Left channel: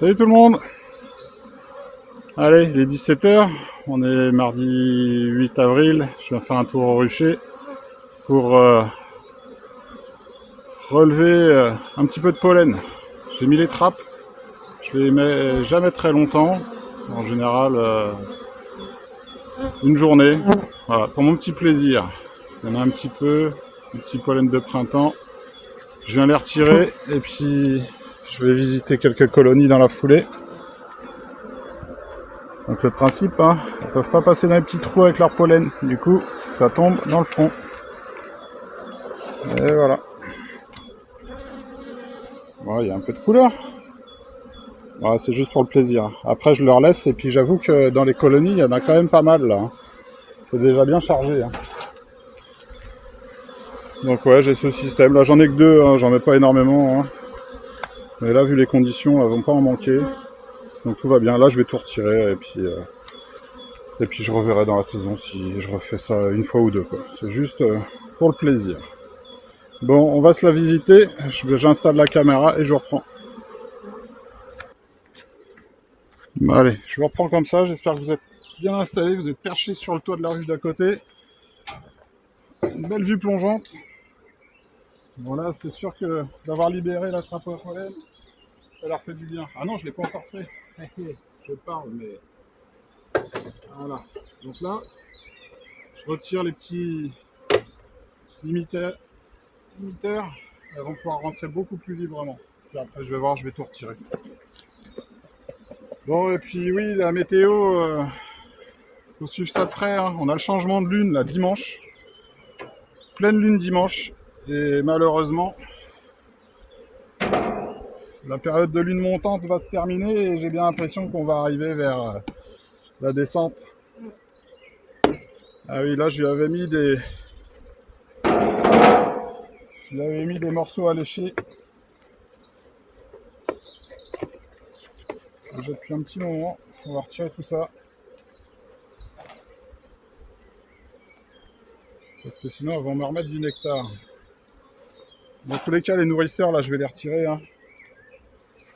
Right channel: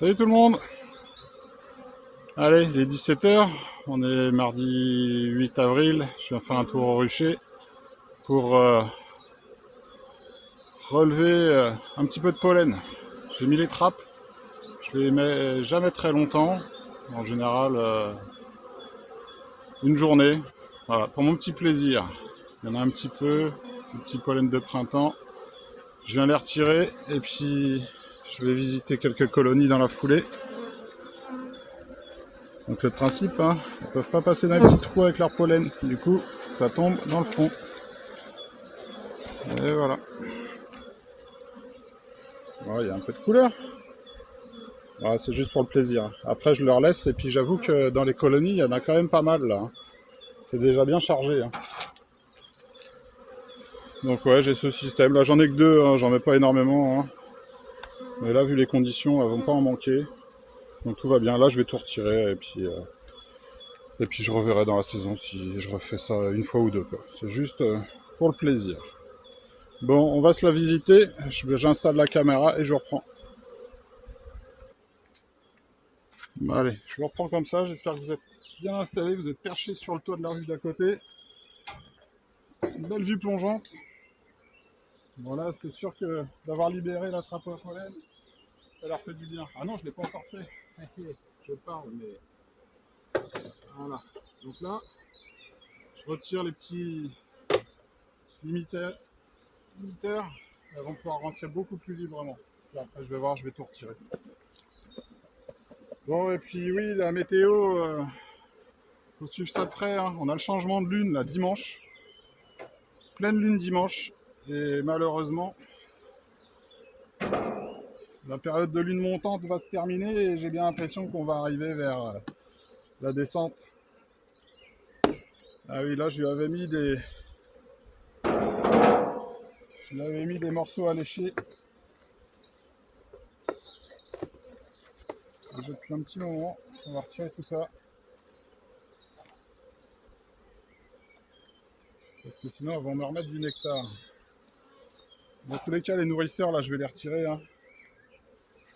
Salut tout le monde. Allez, il est 17h, on est mardi 8 avril, je viens faire un tour au rucher pour relever un petit peu de pollen. J'ai mis les trappes, je les mets jamais très longtemps, en général une journée, voilà, pour mon petit plaisir. Il y en a un petit peu, un petit pollen de printemps, je viens les retirer et puis je vais visiter quelques colonies dans la foulée. Donc le principe, hein, ils ne peuvent pas passer dans les petits trous avec leur pollen, du coup ça tombe dans le fond. Et voilà. Bon, il y a un peu de couleur. Ouais, c'est juste pour le plaisir. Après je leur laisse et puis j'avoue que dans les colonies il y en a quand même pas mal là, hein. C'est déjà bien chargé, hein. Donc ouais, j'ai ce système. Là j'en ai que deux, hein, j'en mets pas énormément, hein. Mais là vu les conditions, elles vont pas en manquer. Donc tout va bien. Là je vais tout retirer et puis je reverrai dans la saison si je refais ça une fois ou deux, quoi. C'est juste pour le plaisir. Bon, on va se la visiter. J'installe la caméra et je reprends. Bon, allez, je vous reprends comme ça. J'espère que vous êtes bien installés. Vous êtes perchés sur le toit de la ruche d'à côté. Une belle vue plongeante. Voilà, c'est sûr que d'avoir libéré la trappe à pollen, ça leur fait du bien. Ah non, je ne l'ai pas encore fait. Je parle, mais voilà. Donc là, je retire les petits limiteurs. Elles vont pouvoir rentrer beaucoup plus librement. Et après, je vais voir, je vais tout retirer. Bon, et puis oui, la météo, faut suivre ça de près, hein. On a le changement de lune, là, dimanche. Pleine lune dimanche. Et malheureusement, la période de lune montante va se terminer et j'ai bien l'impression qu'on va arriver vers la descente. Ah oui, là, je lui avais mis des morceaux à lécher. Déjà depuis un petit moment. On va retirer tout ça. Parce que sinon, elles vont me remettre du nectar. Dans tous les cas, les nourrisseurs, là, je vais les retirer, hein.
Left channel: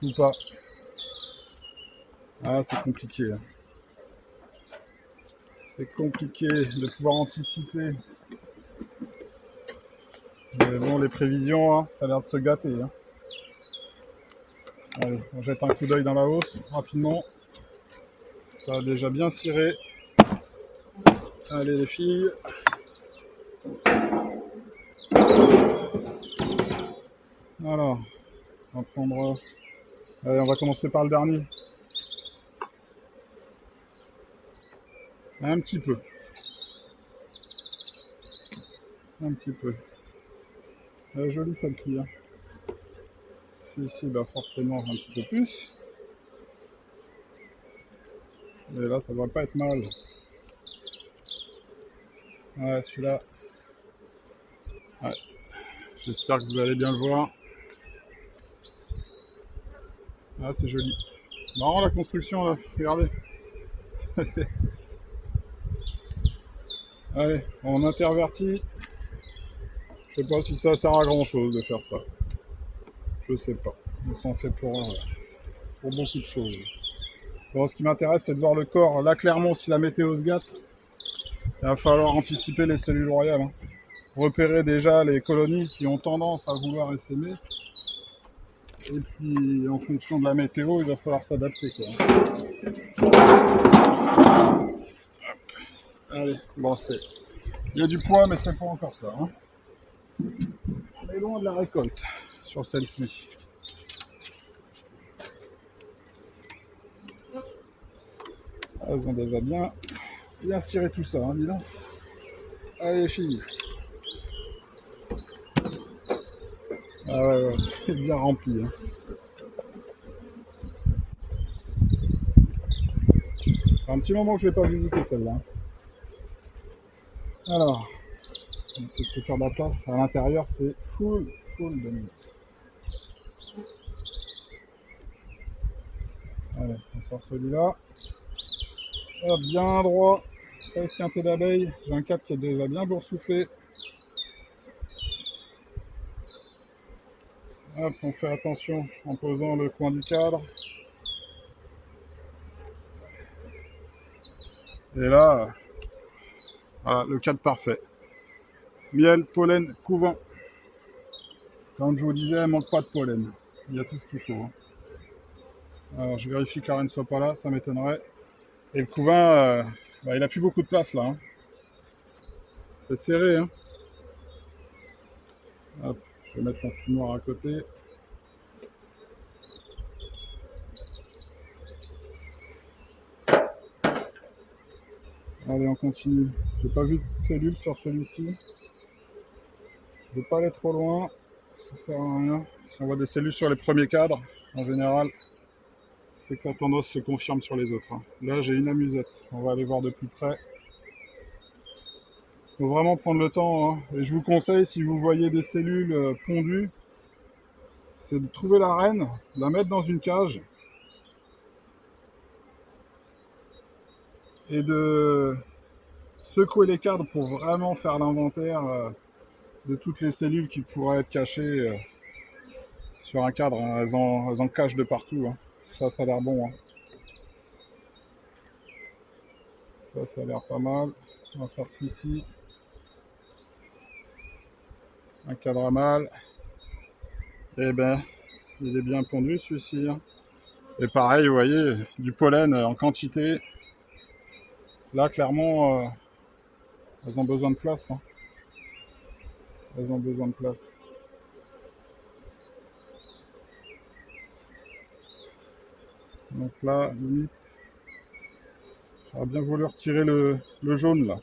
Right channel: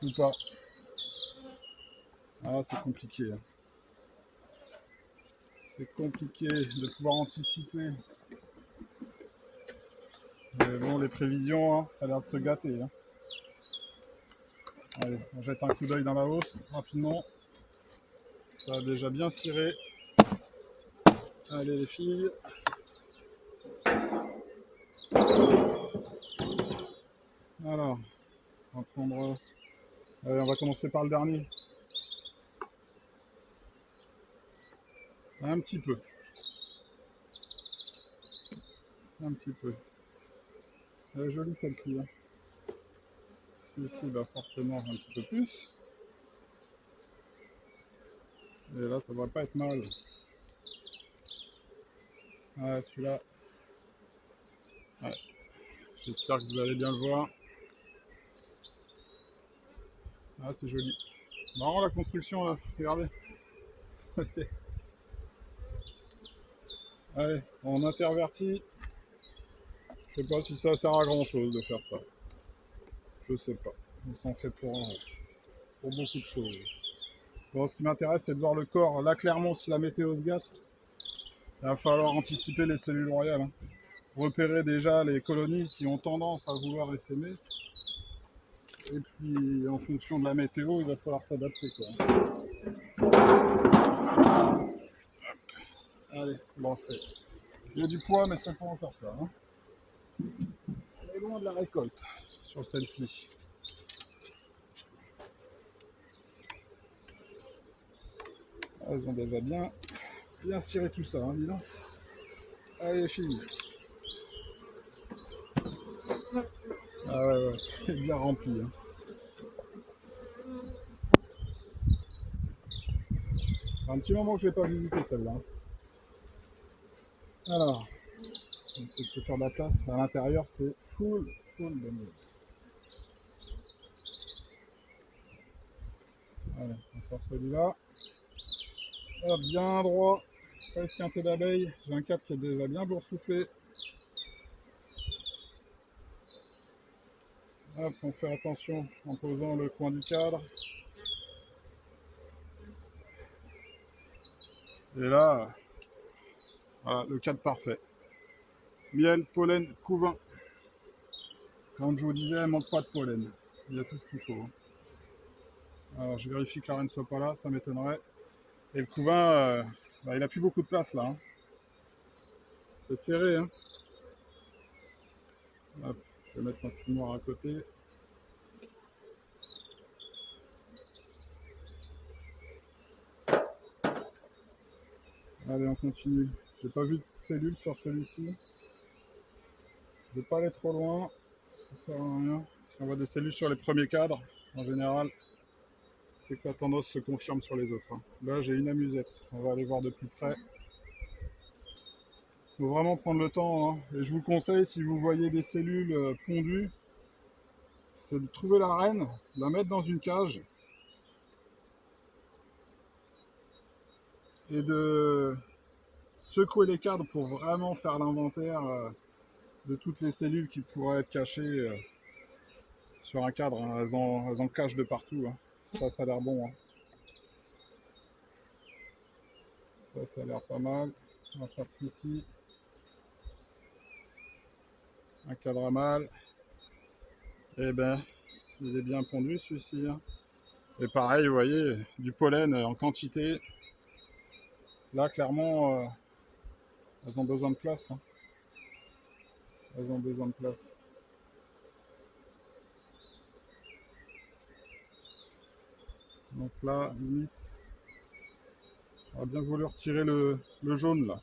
Ou pas. Ah, c'est compliqué, hein. C'est compliqué de pouvoir anticiper. Mais bon, les prévisions, hein, ça a l'air de se gâter, hein. Allez, on jette un coup d'œil dans la hausse, rapidement. Ça a déjà bien ciré. Allez, les filles. Alors, on va prendre... Allez, on va commencer par le dernier. Un petit peu. Un petit peu. Elle est jolie celle-ci, hein. Celui-ci, bah forcément un petit peu plus. Et là, ça devrait pas être mal. Ouais, celui-là. Ouais. J'espère que vous allez bien le voir. Ah, c'est joli. Marrant la construction là, regardez. Allez, on intervertit. Je sais pas si ça sert à grand chose de faire ça. Je sais pas. On s'en fait pour beaucoup de choses. Bon, ce qui m'intéresse, c'est de voir le corps. Là, clairement, si la météo se gâte, il va falloir anticiper les cellules royales, hein. Repérer déjà les colonies qui ont tendance à vouloir essaimer. Et puis, en fonction de la météo, il va falloir s'adapter, quoi. Allez, bon, c'est... Il y a du poids, mais c'est pas encore ça, hein. On est loin de la récolte sur celle-ci. Elles ont déjà bien ciré tout ça, hein, dis donc. Allez, filles. Ah ouais, ouais, c'est bien rempli, hein. C'est un petit moment que je ne l'ai pas visité celle-là. Alors, on essaie de se faire de la place. À l'intérieur, c'est full de nuit. Allez, on sort celui-là. Hop, bien droit. Presque un peu d'abeille. J'ai un cadre qui est déjà bien boursouflé. Hop, on fait attention en posant le coin du cadre. Et là, voilà, le cadre parfait. Miel, pollen, couvain. Comme je vous disais, il manque pas de pollen. Il y a tout ce qu'il faut. Hein. Alors je vérifie que la reine ne soit pas là, ça m'étonnerait. Et le couvain, bah, il a plus beaucoup de place là. Hein. C'est serré. Hein. Hop, je vais mettre mon fumoir à côté. Allez, on continue. J'ai pas vu de cellule sur celui-ci. Je vais pas aller trop loin. Ça sert à rien. Si on voit des cellules sur les premiers cadres, en général, c'est que la tendance se confirme sur les autres. Hein. Là, j'ai une amusette. On va aller voir de plus près. Faut vraiment prendre le temps. Hein. Et je vous conseille, si vous voyez des cellules pondues, c'est de trouver la reine, la mettre dans une cage et de secouer les cadres pour vraiment faire l'inventaire de toutes les cellules qui pourraient être cachées sur un cadre. Hein. Elles en cachent de partout. Hein. Ça a l'air bon. Hein. Ça a l'air pas mal. On va faire ici. Un cadre à mâle. Et ben, il est bien pondu celui-ci. Hein. Et pareil, vous voyez, du pollen en quantité. Là, clairement, elles ont besoin de place. Hein. Elles ont besoin de place. Donc là, limite, j'aurais bien voulu retirer le jaune là.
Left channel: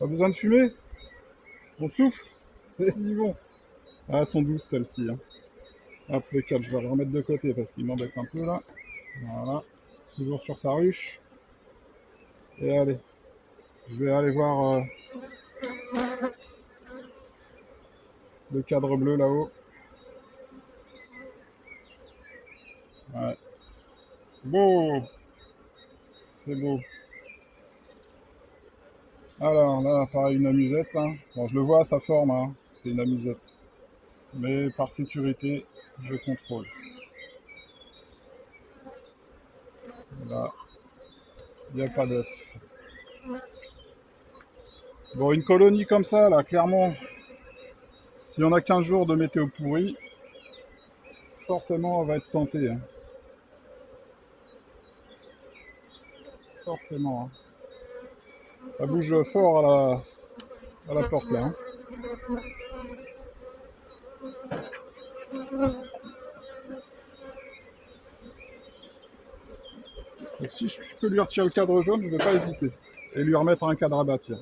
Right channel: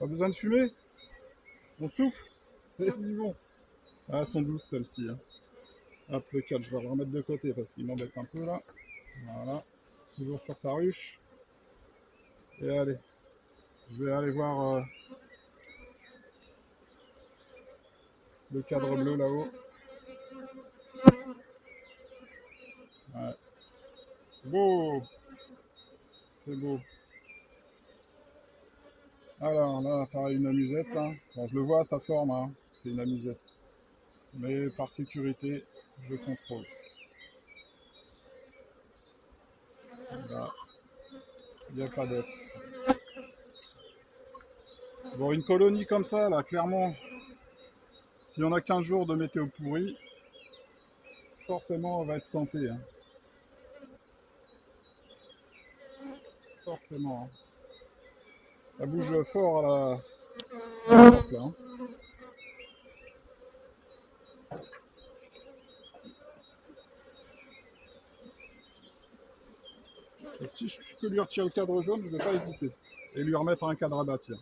Pas besoin de fumer. On souffle. Vas-y, bon. Ah, elles sont douces celles-ci. Hein. Hop, les quatre, je vais les remettre de côté parce qu'ils m'embêtent un peu là. Voilà. Toujours sur sa ruche. Et allez, je vais aller voir le cadre bleu là-haut. Ouais. Beau. C'est beau. Alors là, pareil, une amusette. Hein. Bon, je le vois à sa forme. Hein. C'est une amusette. Mais par sécurité, je contrôle. Là, il n'y a pas d'œuf. Bon, une colonie comme ça, là, clairement, si on a 15 jours de météo pourri, forcément, on va être tenté. Hein. Forcément. Hein. Ça bouge fort à la porte, là. Hein. Donc, si je peux lui retirer le cadre jaune, je ne vais pas hésiter. Et lui remettre un cadre à bâtir.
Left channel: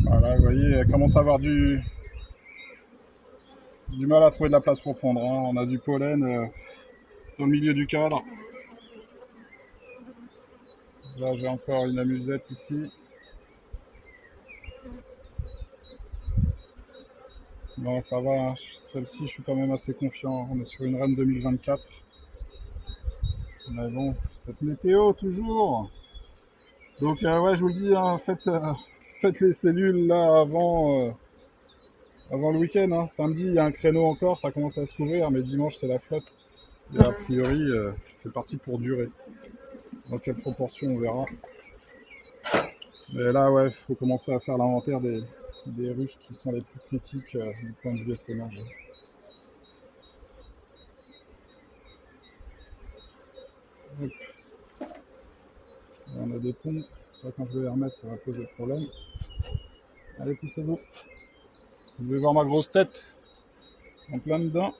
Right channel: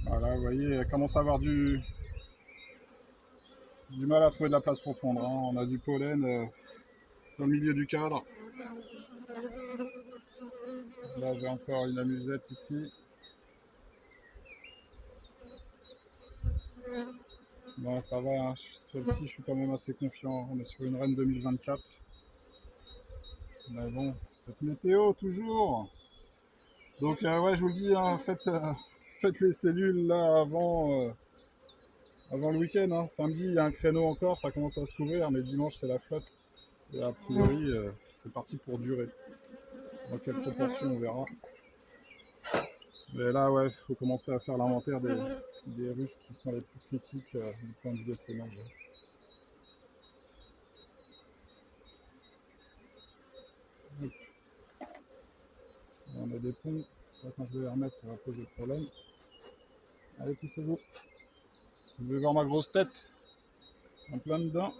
Voilà, vous voyez, elle commence à avoir du mal à trouver de la place pour pondre. Hein. On a du pollen dans le milieu du cadre. Là, j'ai encore une amusette ici. Bon, ça va, hein. Celle-ci, je suis quand même assez confiant. On est sur une reine 2024. Mais bon, cette météo, toujours. Donc, ouais, je vous le dis, hein, faites les cellules là avant le week-end. Hein. Samedi, il y a un créneau encore, ça commence à se couvrir, mais dimanche, c'est la fête. Et a priori, c'est parti pour durer. Dans quelle proportion, on verra. Mais là, ouais, il faut commencer à faire l'inventaire des ruches qui sont les plus critiques du point de vue essaimage. On a des ponts, ça quand je vais les remettre, ça va poser problème. Allez, poussez-vous. Vous devez voir ma grosse tête en plein dedans.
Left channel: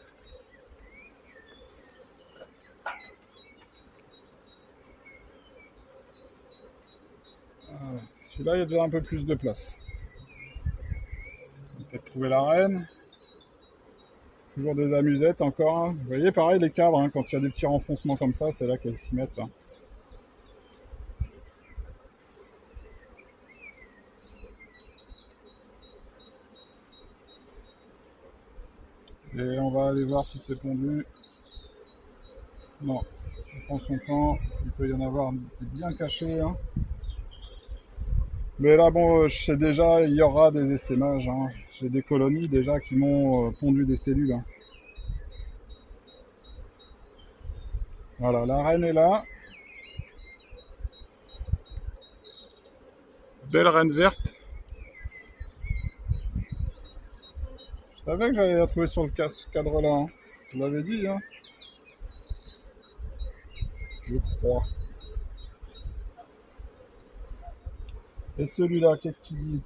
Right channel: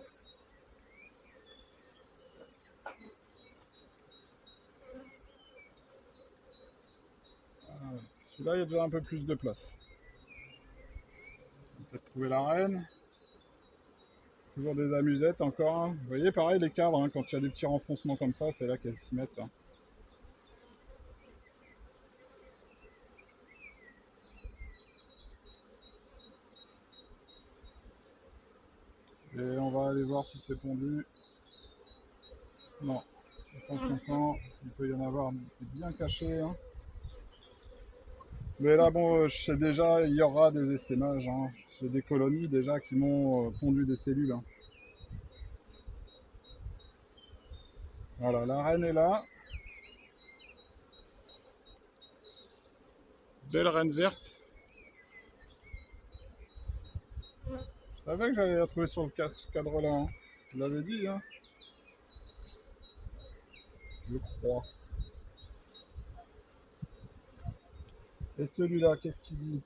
Voilà. Celui-là, il y a déjà un peu plus de place. On va peut-être trouver la reine. Toujours des amusettes encore. Hein. Vous voyez, pareil, les cadres, hein, quand il y a des petits renfoncements comme ça, c'est là qu'elles s'y mettent. Hein. Et on va aller voir si c'est pondu. Non, on prend son temps. Il peut y en avoir bien caché. Hein. Mais là, bon, je sais déjà, il y aura des essaimages, hein. J'ai des colonies déjà qui m'ont pondu des cellules, hein. Voilà, la reine est là. Belle reine verte. Je savais que j'allais la trouver sur le cadre là, hein. Je l'avais dit, hein. Je crois. Et celui-là, qu'est-ce qu'il dit?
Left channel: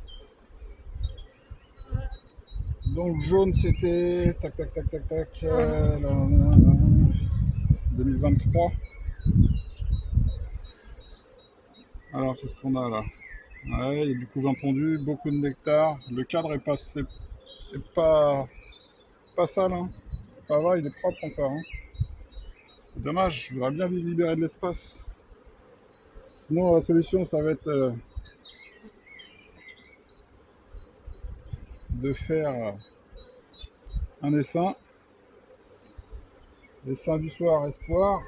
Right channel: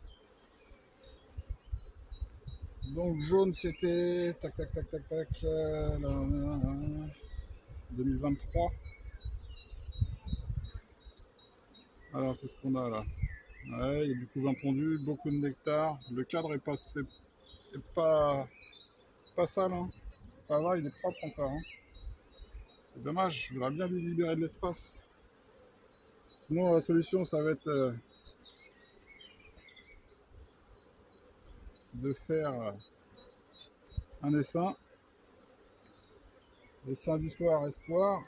Donc jaune c'était tac tac tac tac tac 2023. Alors qu'est-ce qu'on a là? Ouais, il y a du couvain pondu, beaucoup de nectar. Le cadre est pas sale, hein. Ça va, il est propre encore, hein. C'est dommage, je voudrais bien lui libérer de l'espace. Sinon la solution ça va être de faire un essaim. Essaim du soir, espoir.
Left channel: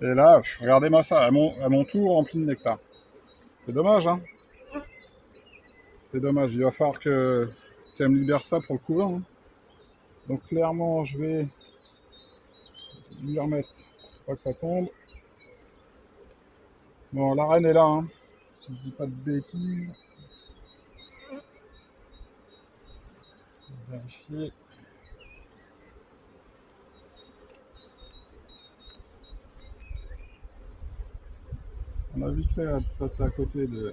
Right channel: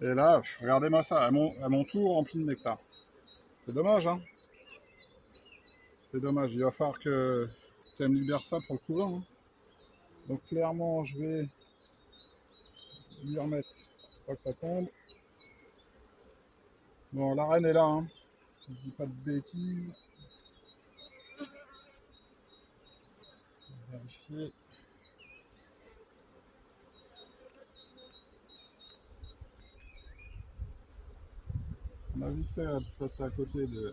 Et là, regardez-moi ça, à mon tour rempli de nectar. C'est dommage, hein. C'est dommage, il va falloir qu'elle me libère ça pour le couvain, hein. Donc clairement, je vais lui remettre, pas que ça tombe. Bon, la reine est là, hein, si je dis pas de bêtises. Vérifier. On a vite fait de passer à côté de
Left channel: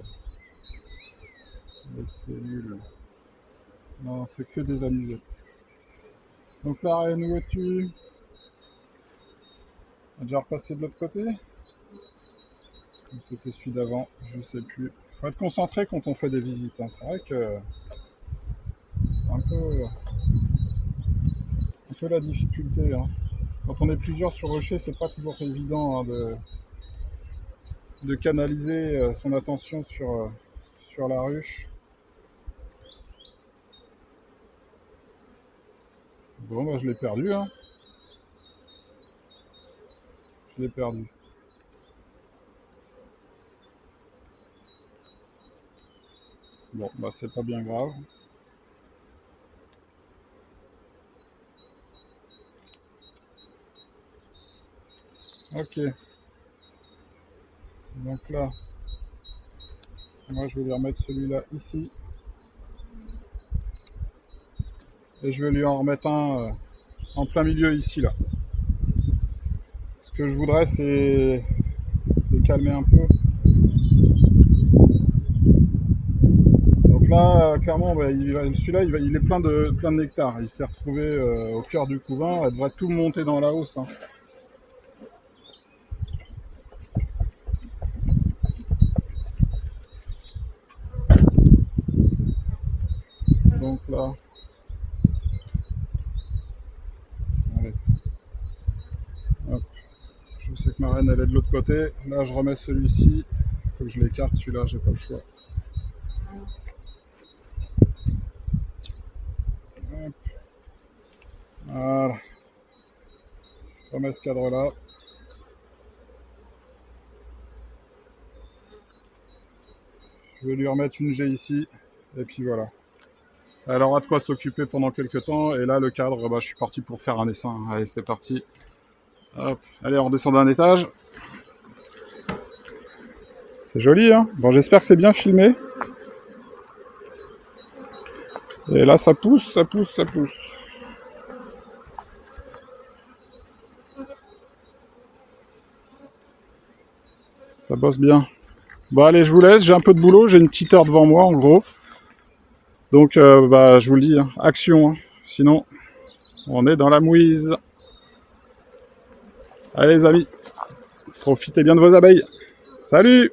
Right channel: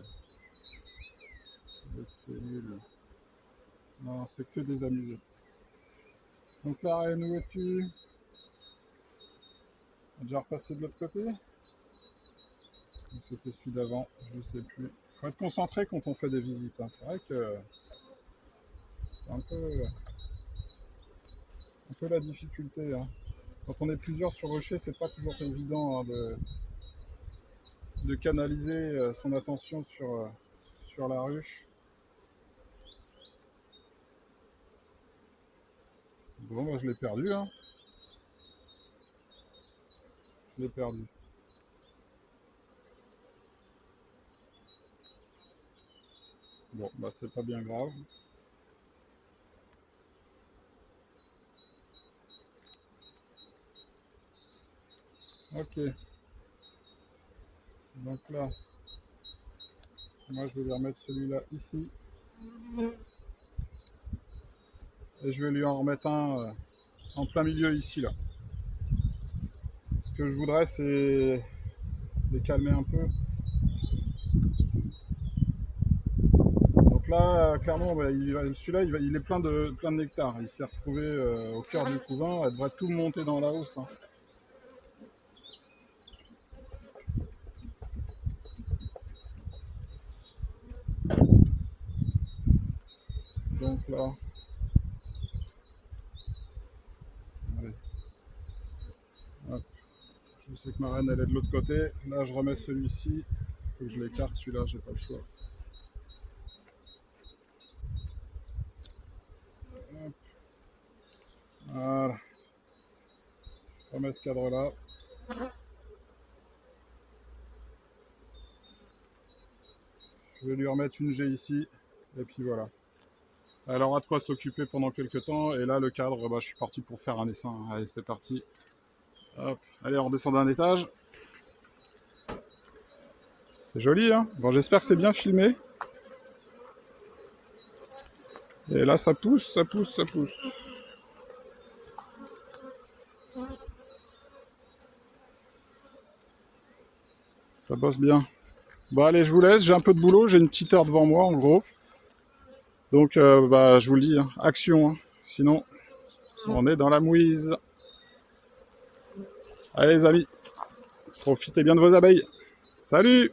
cellules. Non, c'est que des amusettes. Donc la reine, où es-tu? A déjà repassé de l'autre côté? C'était celui d'avant, je sais plus. Faut être concentré quand on fait des visites, hein. C'est vrai que un peu la difficulté, hein. Quand on est plusieurs sur rocher, c'est pas toujours évident, hein, de canaliser son attention sur la ruche. Bon, moi je l'ai perdu, hein. Je l'ai perdu. Bon, bah c'est pas bien grave. Ok. Donc là, moi je vais lui remettre celui-là ici. Et je vais lui en remettre un en plein milieu ici, là. Ce que je voudrais, c'est les calmer un peu. Donc là, clairement, bah, celui-là, il est plein de nectar. Il s'est retrouvé au cœur du couvain. Elle devrait tout monter dans la hausse, hein. Donc là, allez, hop. Je sais que ma reine, elle est de l'autre côté. Là, je remets celui-ci. Il faut que je l'écarte, celui-là, j'ai pas le choix. Hop. Voilà. Je remets ce cadre-là. Je vais lui remettre une G ici. Et puis voilà. Elle aura de quoi s'occuper pendant quelques temps. Et là, le cadre, bah, je suis parti pour faire un essaim. Allez, c'est parti. Hop. Allez, on redescend d'un étage. C'est joli, hein. Bon, j'espère que c'est bien filmé. Et là, ça pousse, ça pousse, ça pousse. Ça bosse bien. Bon, allez, je vous laisse. J'ai un peu de boulot. J'ai une petite heure devant moi, en gros. Donc, bah, je vous le dis, hein, action, hein. Sinon, on est dans la mouise. Allez, les amis, profitez bien de vos abeilles. Salut!